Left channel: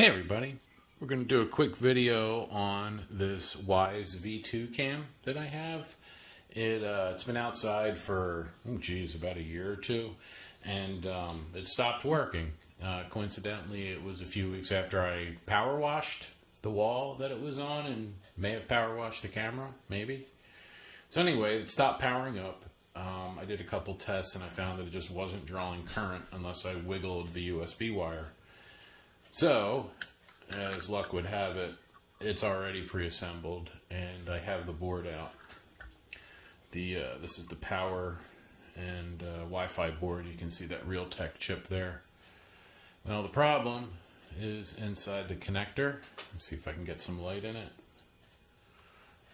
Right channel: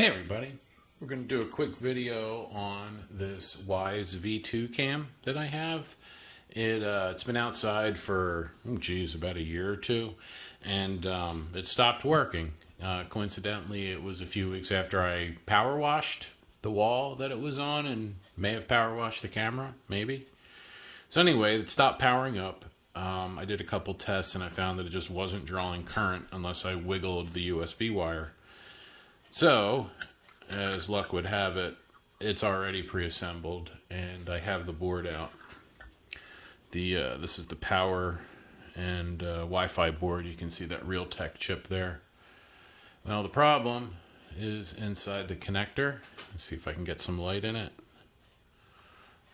Hey everybody, we're going to do a quick video on this Wyze V2 cam that I have. It's been outside for, about a year or two, and it stopped working. Coincidentally, it was a few weeks after I power washed the wall that it was on and may have power washed the camera, maybe. So anyway, it stopped powering up. I did a couple tests and I found that it just wasn't drawing current unless I wiggled the USB wire. So, as luck would have it, it's already pre-assembled and I have the board out. This is the power and Wi-Fi board. You can see that Realtek chip there. Now the problem is inside the connector. Let's see if I can get some light in it.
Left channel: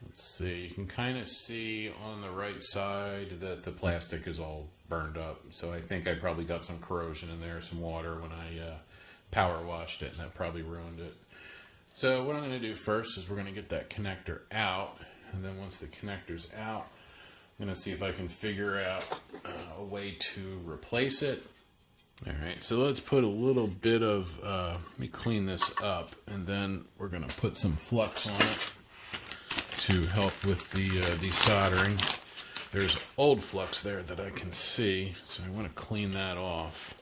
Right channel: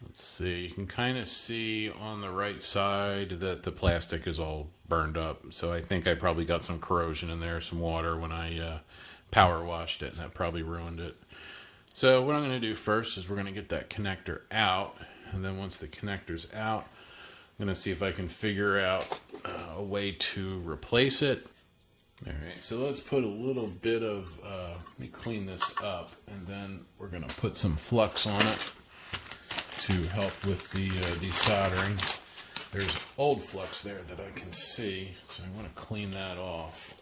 Let's see, you can kind of see on the right side that the plastic is all burned up. So I think I probably got some corrosion in there, some water when I power washed it, and that probably ruined it. So what I'm going to do first is we're going to get that connector out, and then once the connector's out, I'm going to see if I can figure out a way to replace it. Alright, so let's put a little bit of, let me clean this up, and then we're going to put some flux on it to help with the desoldering. There's old flux there that I can see, so I want to clean that off.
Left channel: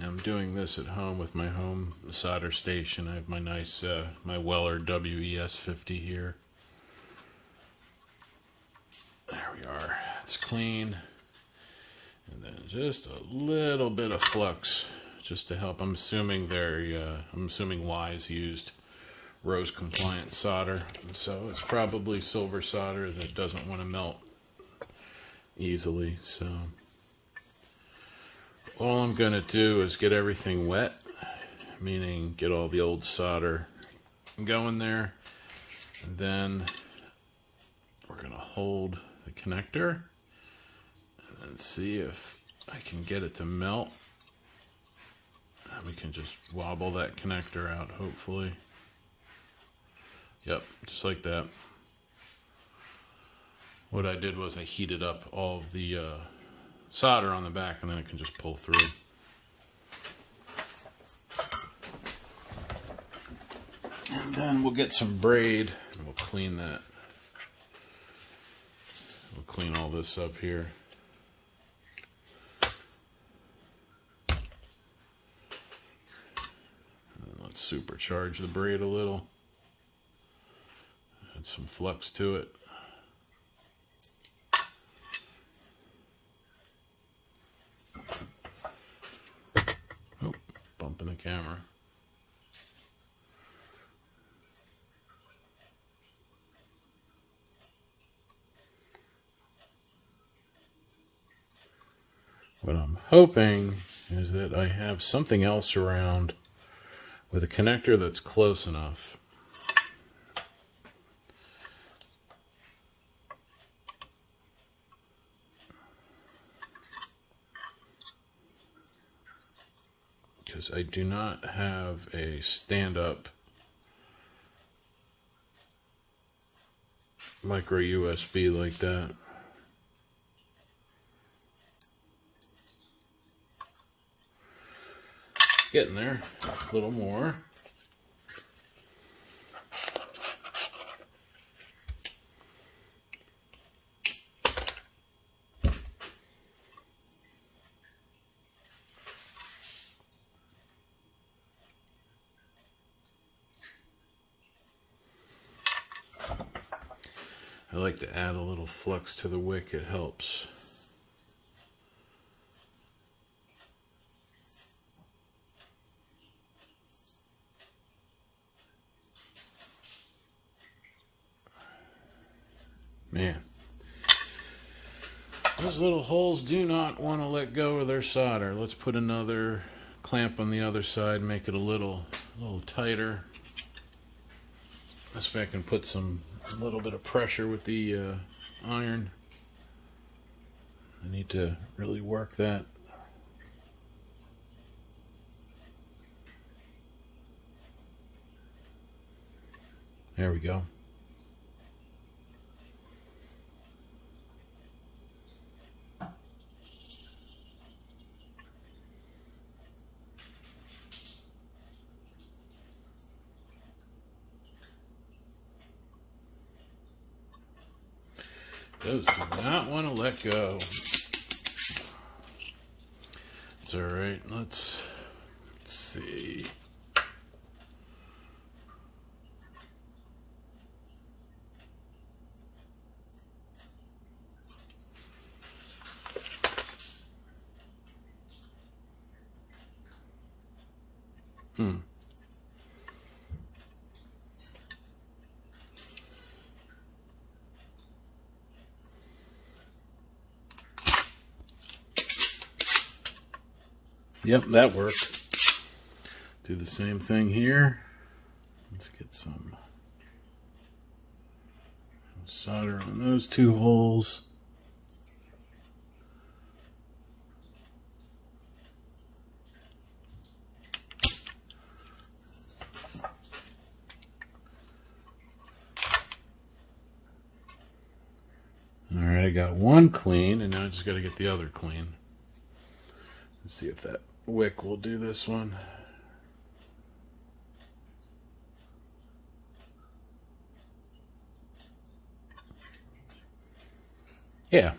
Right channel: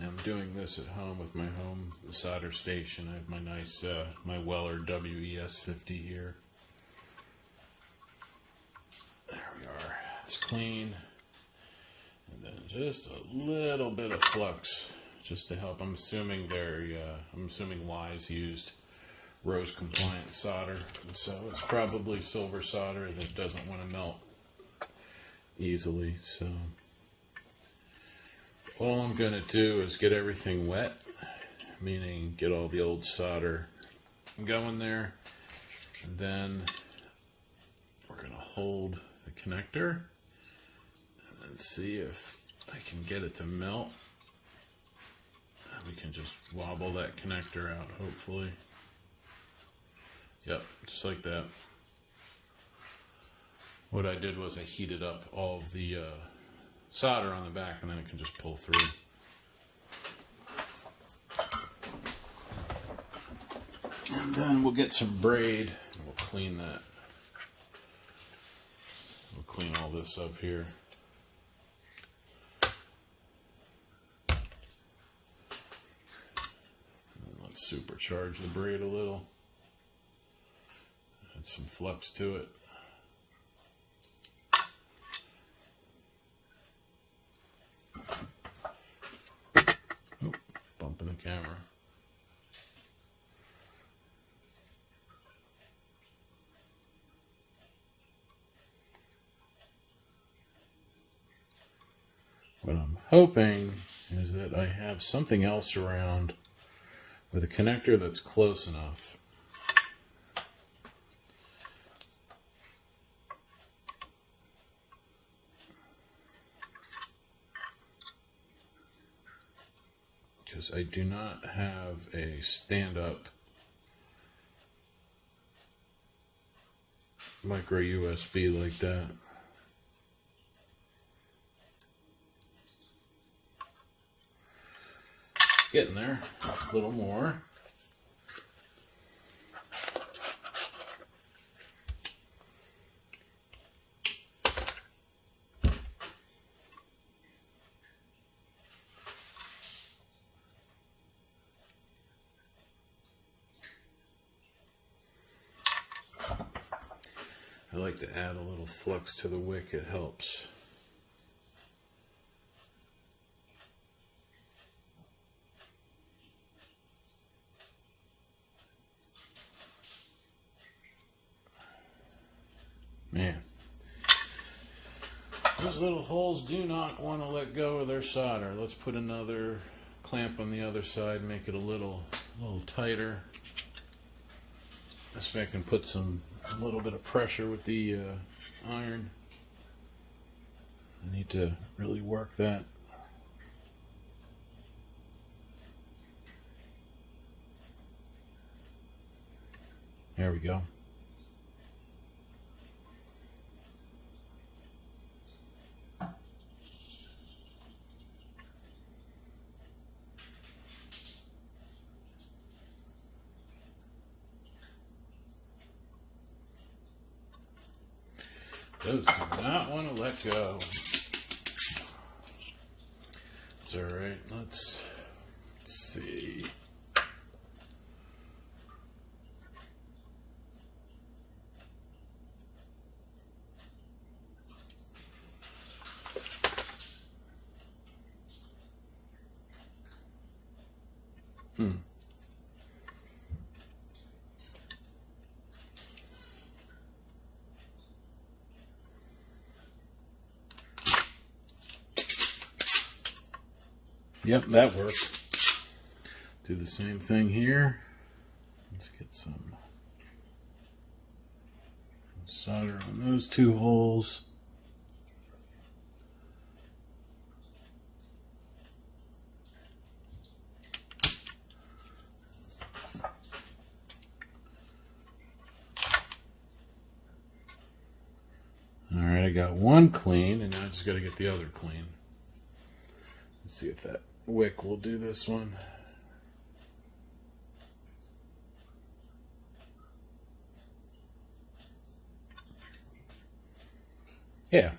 I'm doing this at home with my home solder station. I have my nice, my Weller WES50 here. There we are. It's clean. And then just a little bit of flux, just to help. I'm assuming Wyze used rose compliant solder, so it's probably silver solder that doesn't want to melt easily. So all I'm going to do is get everything wet, meaning get all the old solder going there. And then we're going to hold the connector and see if I can get it to melt. We can just wobble that connector out, hopefully. Yep, just like that. What I did was I heated up all of the solder on the back, and then it can just pull through. And then we'll get some braid and we'll clean that. We'll clean all this up here. And let's supercharge the braid a little. Add some flux to it. Bumping the camera. What I'm hoping is that I have something else around with a connector that's close enough. Because I do not have a stand-up micro USB like that. Getting there, a little more. I like to add a little flux to the wick, it helps. Man, those little holes do not want to let go of their solder. Let's put another clamp on the other side, make it a little tighter. This way I can put a little bit of pressure with the iron. I need to really work that. There we go. Those do not want to let go. It's all right. Let's see. Yep, that worked. Do the same thing here. Let's get some solder on those two holes. All right, I got one clean, and now I just got to get the other clean. Let's see if that wick will do this one. Yeah,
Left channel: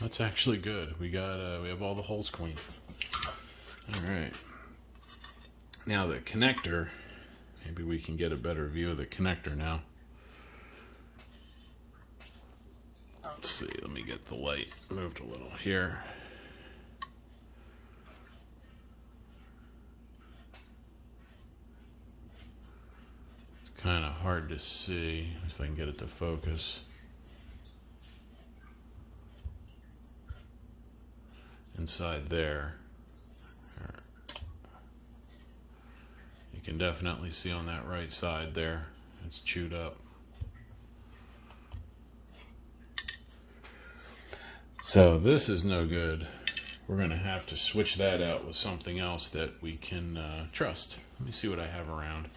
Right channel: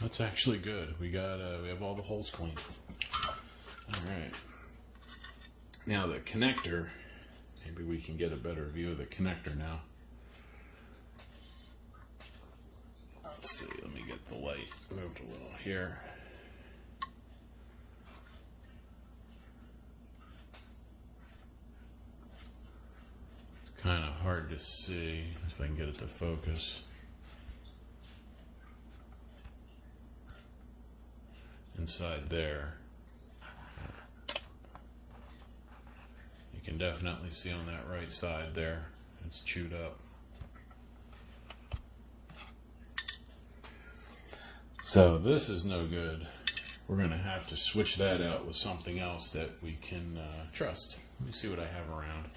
that's actually good. We have all the holes clean. All right. Now the connector, maybe we can get a better view of the connector now. Let's see, let me get the light moved a little here. It's kind of hard to see if I can get it to focus. Inside there, you can definitely see on that right side there, it's chewed up. So this is no good. We're going to have to switch that out with something else that we can trust. Let me see what I have around.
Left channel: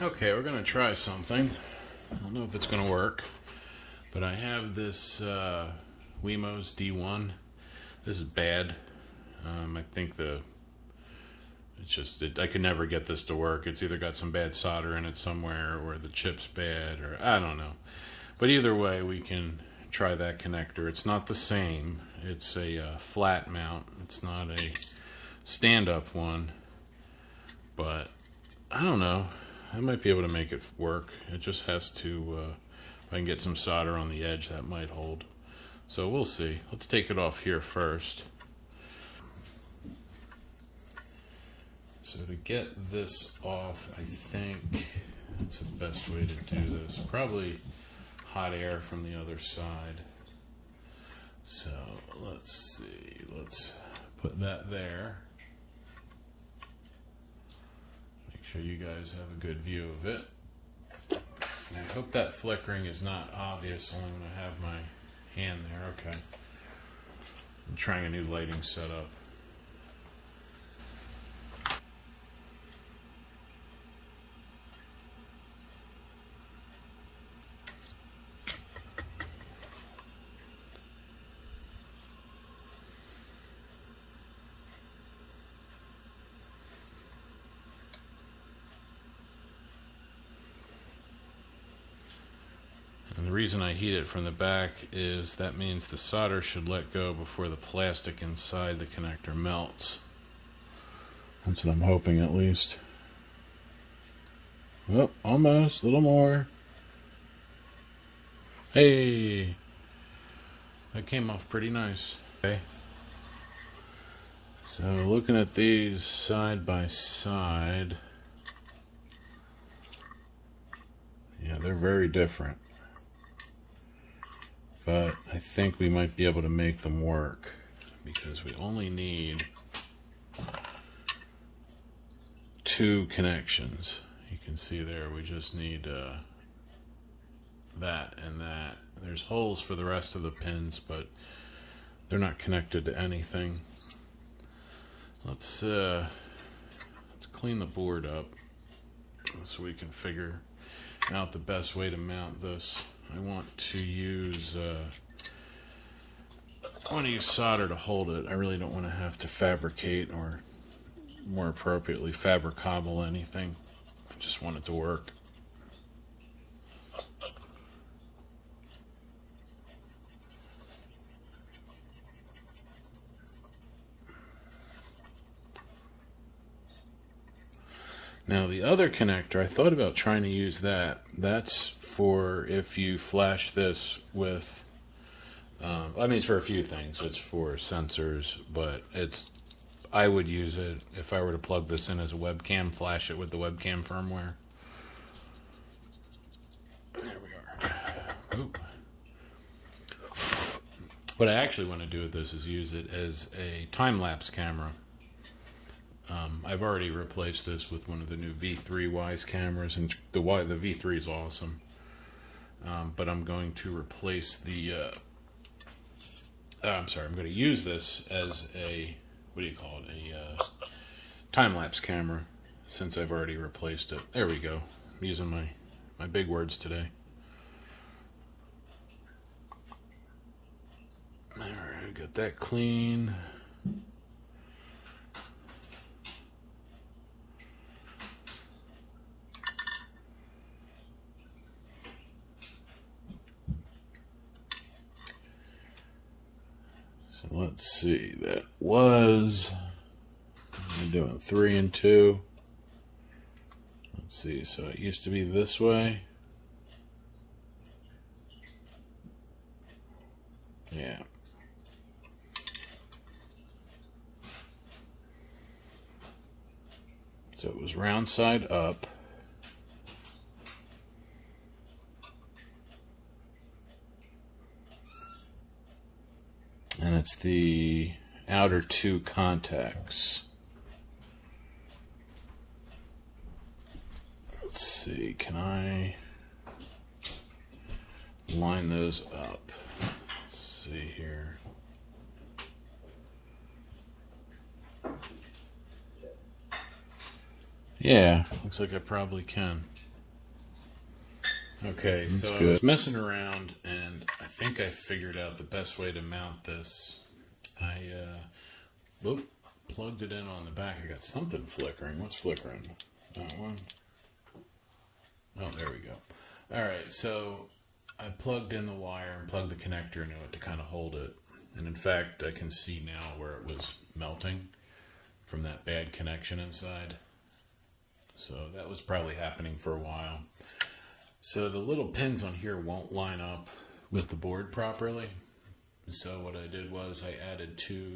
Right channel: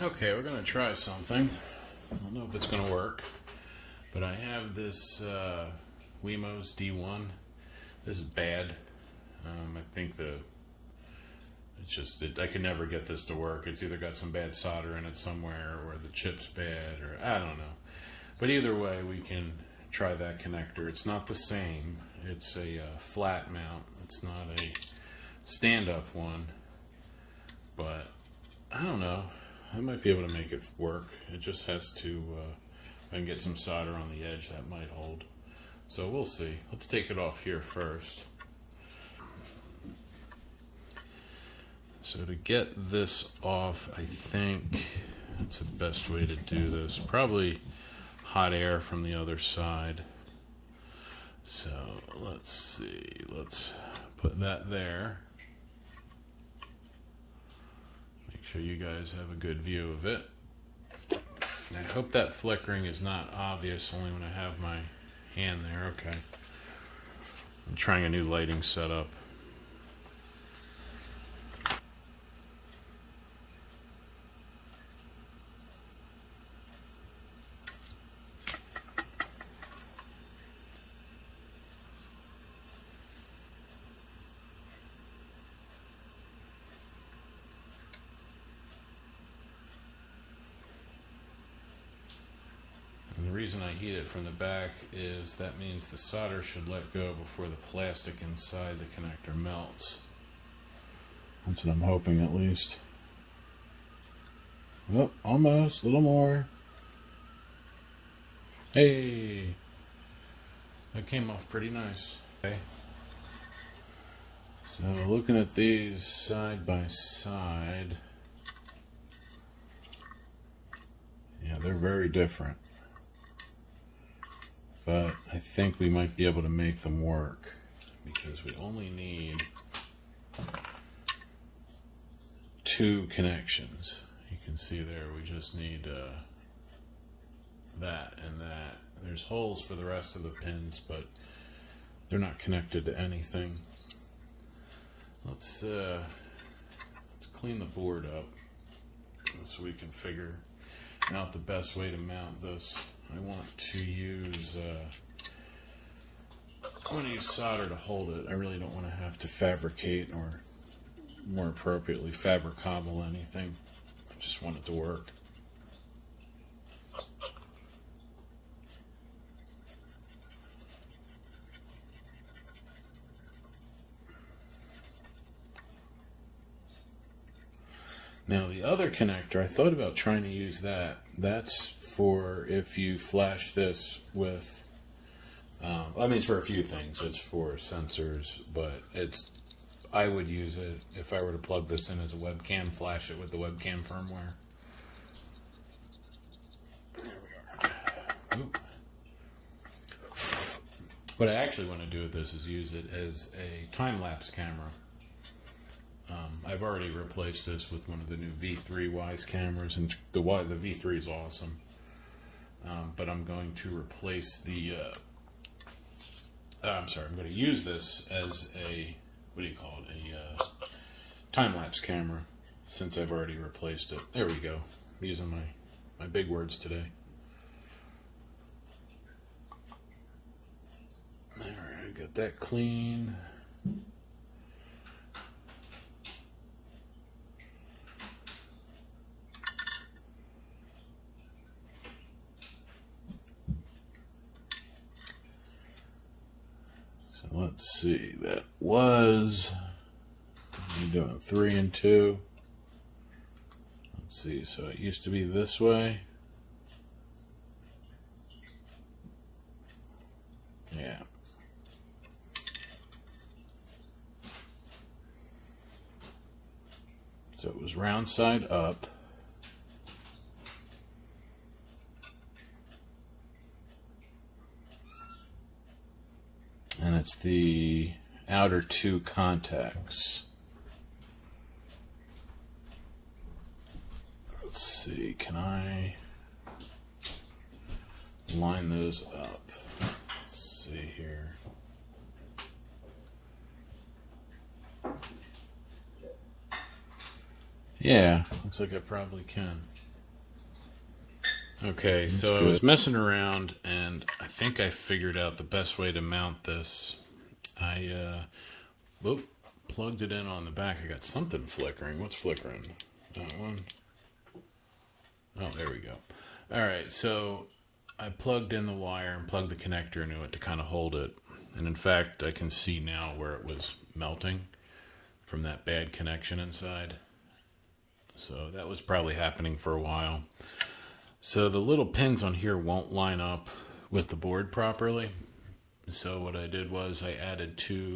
Okay, we're going to try something. I don't know if it's going to work, but I have this WeMo's D1. This is bad. I think I could never get this to work. It's either got some bad solder in it somewhere, or the chip's bad, or I don't know. But either way, we can try that connector. It's not the same. It's a flat mount. It's not a stand-up one. But I don't know. I might be able to make it work. It just has to, if I can get some solder on the edge, that might hold. So we'll see. Let's take it off here first. So to get this off, I think it's the best way to do this. Probably hot air from the other side. So let's see. Let's put that there. Make sure you guys have a good view of it. And I hope that flickering is not obvious only when I have my hand there. Okay. I'm trying a new lighting setup. And the reason I heat it from the back is that means the solder should let go before the plastic inside the connector melts. That's what I'm hoping, at least. Oh, almost. A little more. Hey! That came off pretty nice. Okay. So looking at these side by side, yeah, they're very different. But I think we might be able to make them work because we only need 2 connections. You can see there we just need that and that. There's holes for the rest of the pins, but they're not connected to anything. Let's clean the board up so we can figure out the best way to mount this. I want to use solder to hold it. I really don't want to have to fabricate, or more appropriately, fabricable anything. I just want it to work. Now the other connector, I thought about trying to use that. That's for if you flash this with, I mean, it's for a few things. It's for sensors, but I would use it if I were to plug this in as a webcam, flash it with the webcam firmware. There we are. Oop. What I actually want to do with this is use it as a time-lapse camera. I've already replaced this with one of the new V3 Wyze cameras, and the V3 is awesome. But I'm going to replace the, I'm going to use this as a, what do you call it, a time-lapse camera, since I've already replaced it. There we go. I'm using my big words today. Alright, got that clean. Let's see, that was, I'm doing 3 and 2. Let's see, so it used to be this way. Yeah. So it was round side up. And it's the outer 2 contacts. Let's see, can I line those up? Let's see here. Yeah, looks like I probably can. Okay, that's so good. I was messing around, and I think I figured out the best way to mount this. I plugged it in on the back. I got something flickering. What's flickering? That one? Oh, there we go. All right, so I plugged in the wire and plugged the connector into it to kind of hold it. And in fact, I can see now where it was melting from that bad connection inside. So that was probably happening for a while. So the little pins on here won't line up with the board properly. So what I did was I added 2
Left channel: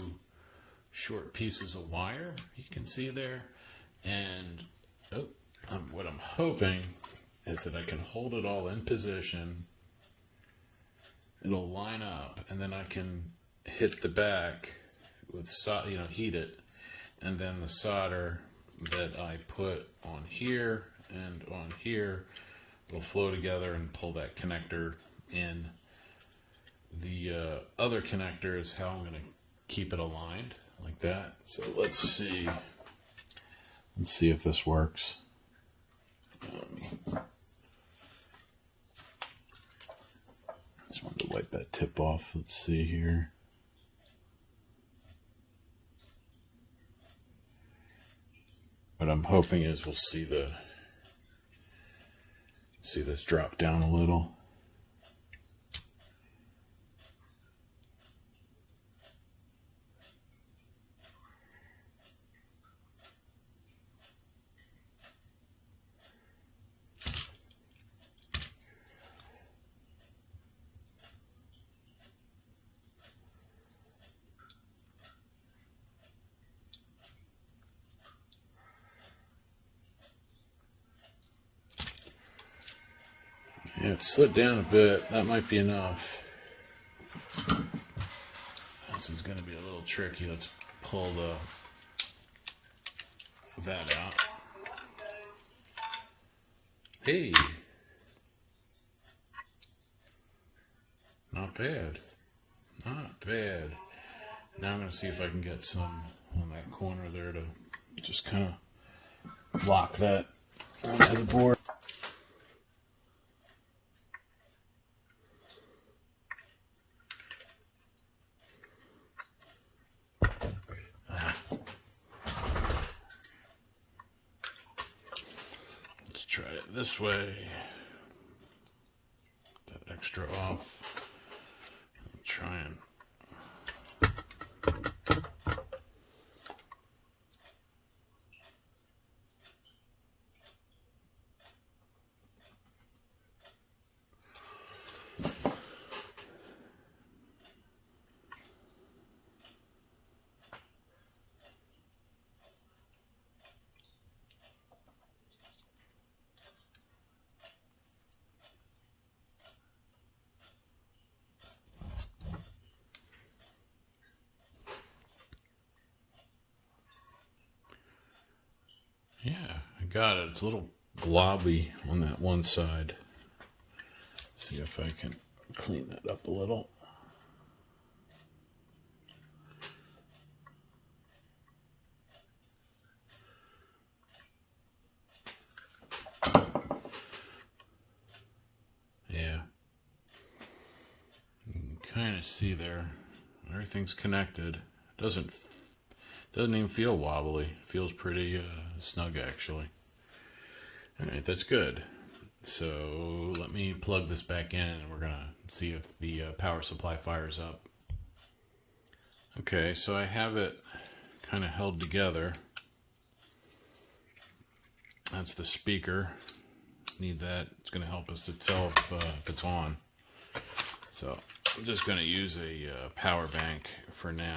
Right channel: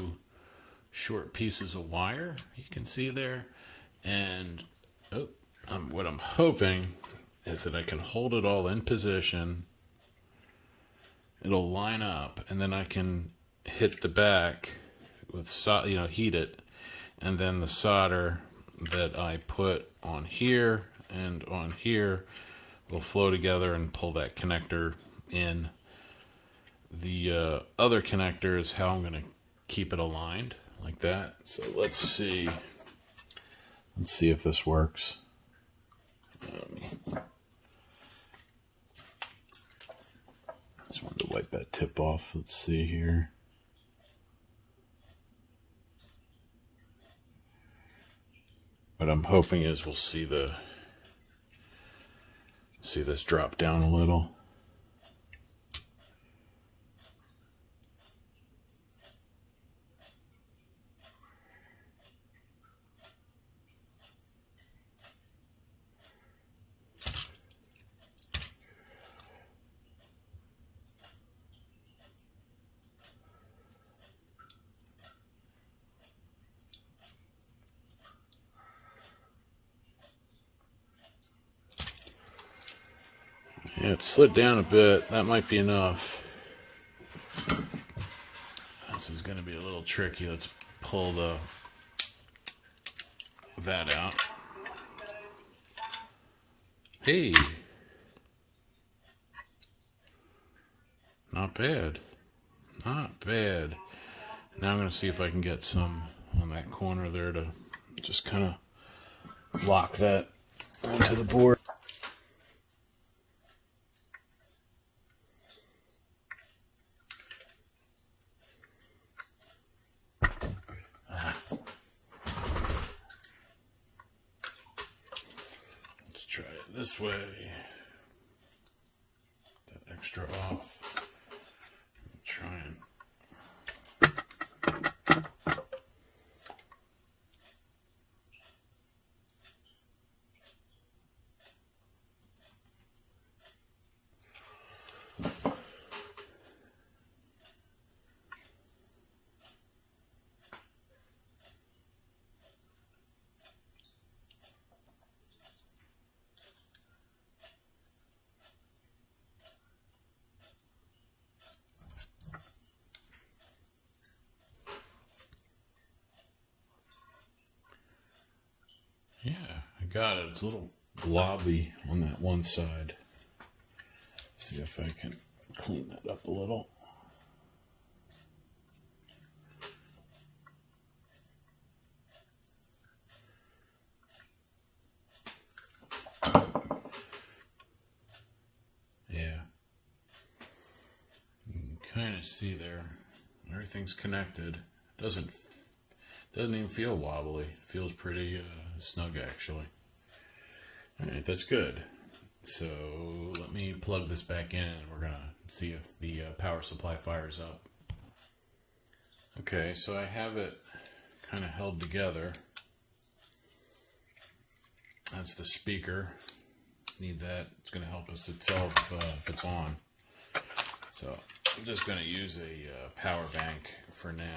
short pieces of wire, you can see there. And what I'm hoping is that I can hold it all in position. It'll line up, and then I can hit the back with, heat it. And then the solder that I put on here and on here will flow together and pull that connector in. The other connector is how I'm going to keep it aligned like that. So let's see if this works. Just wanted to wipe that tip off. Let's see here. What I'm hoping is we'll see this drop down a little. Yeah, it slid down a bit. That might be enough. This is going to be a little tricky. Let's pull that out. Hey. Not bad. Not bad. Now I'm going to see if I can get some on that corner there to just kind of lock that onto the board. This way, that extra off. I'll try and got it. It's a little blobby on that one side. See if I can clean that up a little. Yeah. You can kind of see there. Everything's connected. Doesn't even feel wobbly. Feels pretty snug actually. Alright, that's good. So let me plug this back in and we're gonna see if the power supply fires up. Okay, so I have it kind of held together. That's the speaker. Need that. It's going to help us to tell if it's on. So I'm just going to use a power bank for now.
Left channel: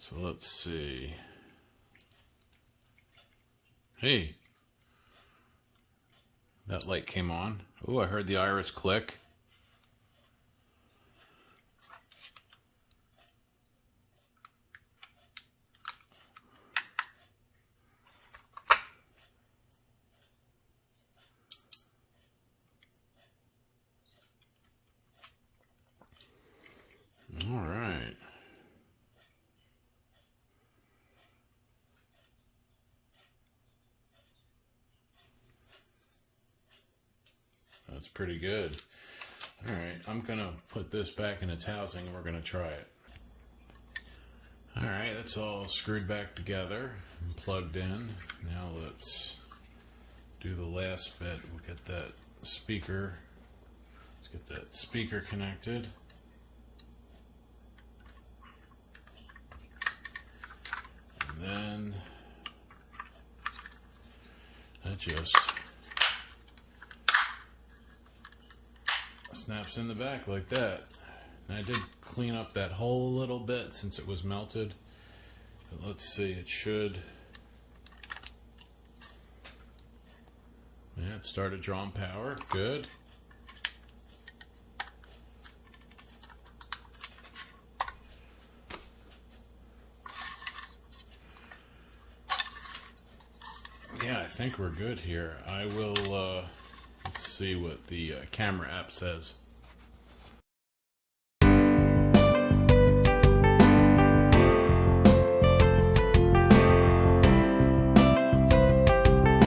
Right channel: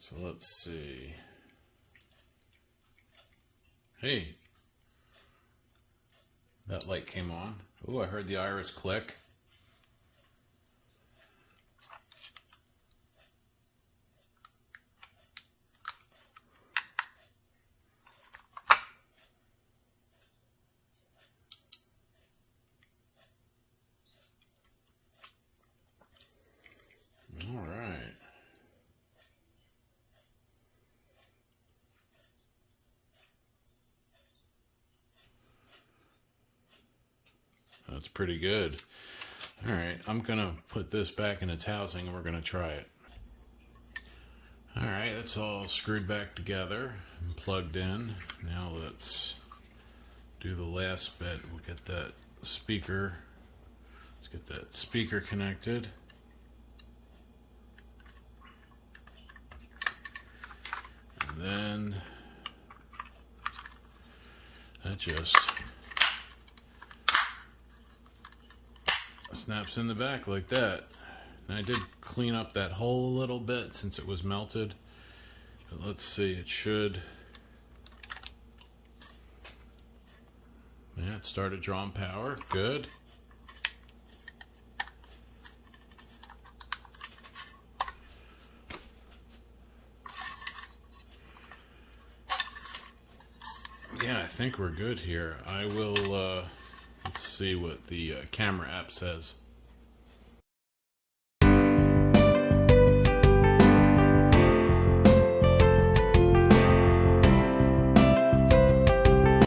So let's see. Hey, that light came on. Oh, I heard the iris click. All right. That's pretty good. All right, I'm gonna put this back in its housing and we're gonna try it. All right, that's all screwed back together and plugged in. Now let's do the last bit. We'll get that speaker. Let's get that speaker connected. And then that just snaps in the back like that. And I did clean up that hole a little bit since it was melted. But let's see, it should. Yeah, it started drawing power. Good. Yeah, I think we're good here. I will, let's see what the camera app says.